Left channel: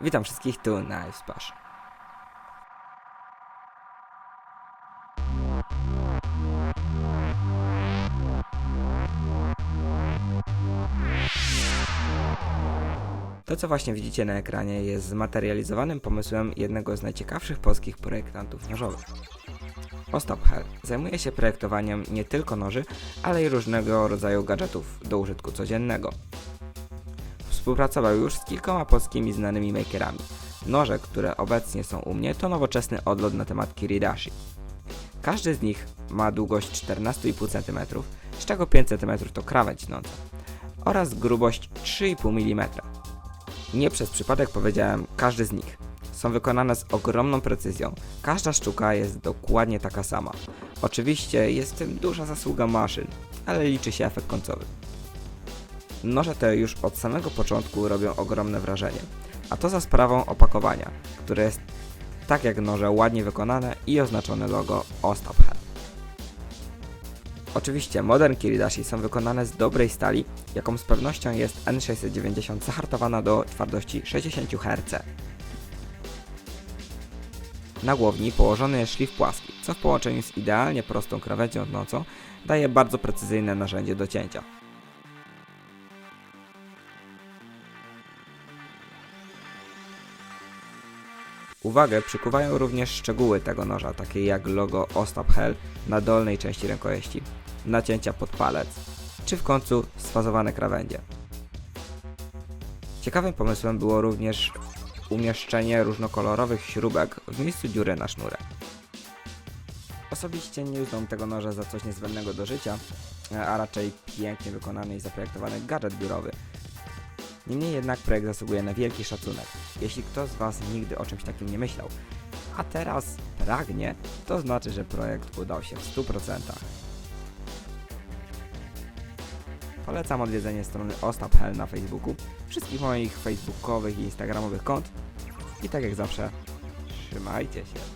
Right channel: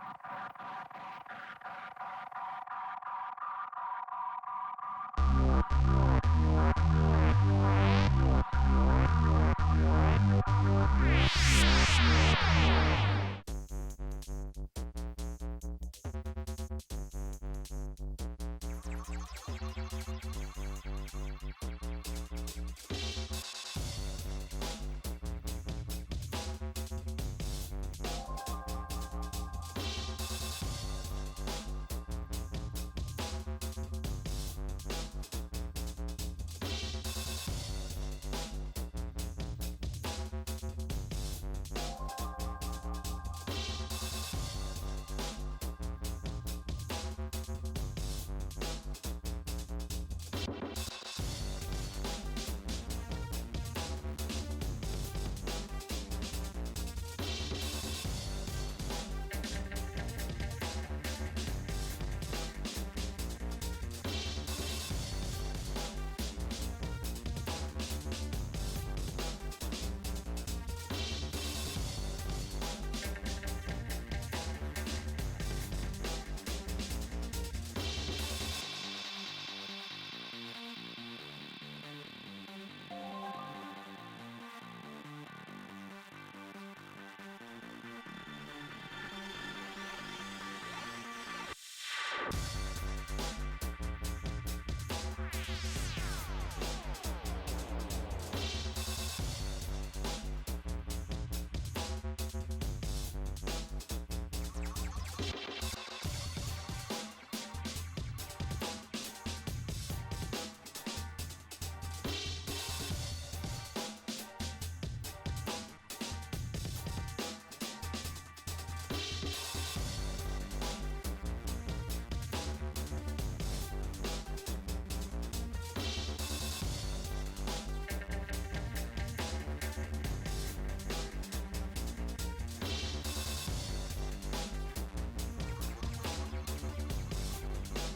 Witam wszystkich tu na Splash. To, co właśnie widzicie na ekranie, jest zmaterializowanym pomysłem jednego z najciekawszych polskich projektantów nożowych. Ostap Hell zajmuje się projektowaniem nie tylko noży, ale i różnego rodzaju gadżetów do użytku codziennego. Współpracował już z kilkoma polskimi znanymi makerami. Noże, które obecnie są u mnie, to nowoczesny odlot na temat Kiridashi. Każdy z nich ma długość 14,5 cm, z czego 5 cm to krawędź nocy oraz grubość 3,5 mm. Nie przez przypadek powiedziałem każdy z nich. Są wykonane z ogromną precyzją. Każda sztuka jest dokładnie taka sama. Oczywiście jest w tym duża zasługa maszyn, ale liczy się efekt końcowy. Noże te już od samego początku robią ogromne wrażenie, a to za sprawą opakowania, które jest tak jak noże ładnie wykonane i oznaczone logo Ostap Head. Oczywiście Modern Kiridashi są wykonane z dobrej stali, jaką z pewnością jest N690 zahartowana do twardości 60 Hz. Na głowni położony jest szlif płaski, co w połączeniu z idealnie prostą krawędzią nocą daje bardzo precyzyjne narzędzie do cięcia. Uwagę przykuwają również szczegóły tego noża, takie jak logo Ostap Hell na dolnej części rękojeści, nacięcia pod palec, czy w końcu sfazowane krawędzie. Ciekawym pomysłem było również umieszczenie różnokolorowych śrubek w miejscu dziury na sznurek. Osobiście nie uznam tego noża za coś niezbędnego do życia, a raczej pięknie wykonany i zaprojektowany gadżet biurowy. Niemniej jednak projekt zasługuje na wielki szacunek. Jeśli ktoś z Was nigdy o czymś takim nie myślał, a teraz pragnie, to znaczy, że projekt udał się w 100%. Polecam odwiedzenie strony Ostap Hell na Facebooku, wszystkich moich facebookowych i instagramowych kont i tak jak zawsze, trzymajcie się.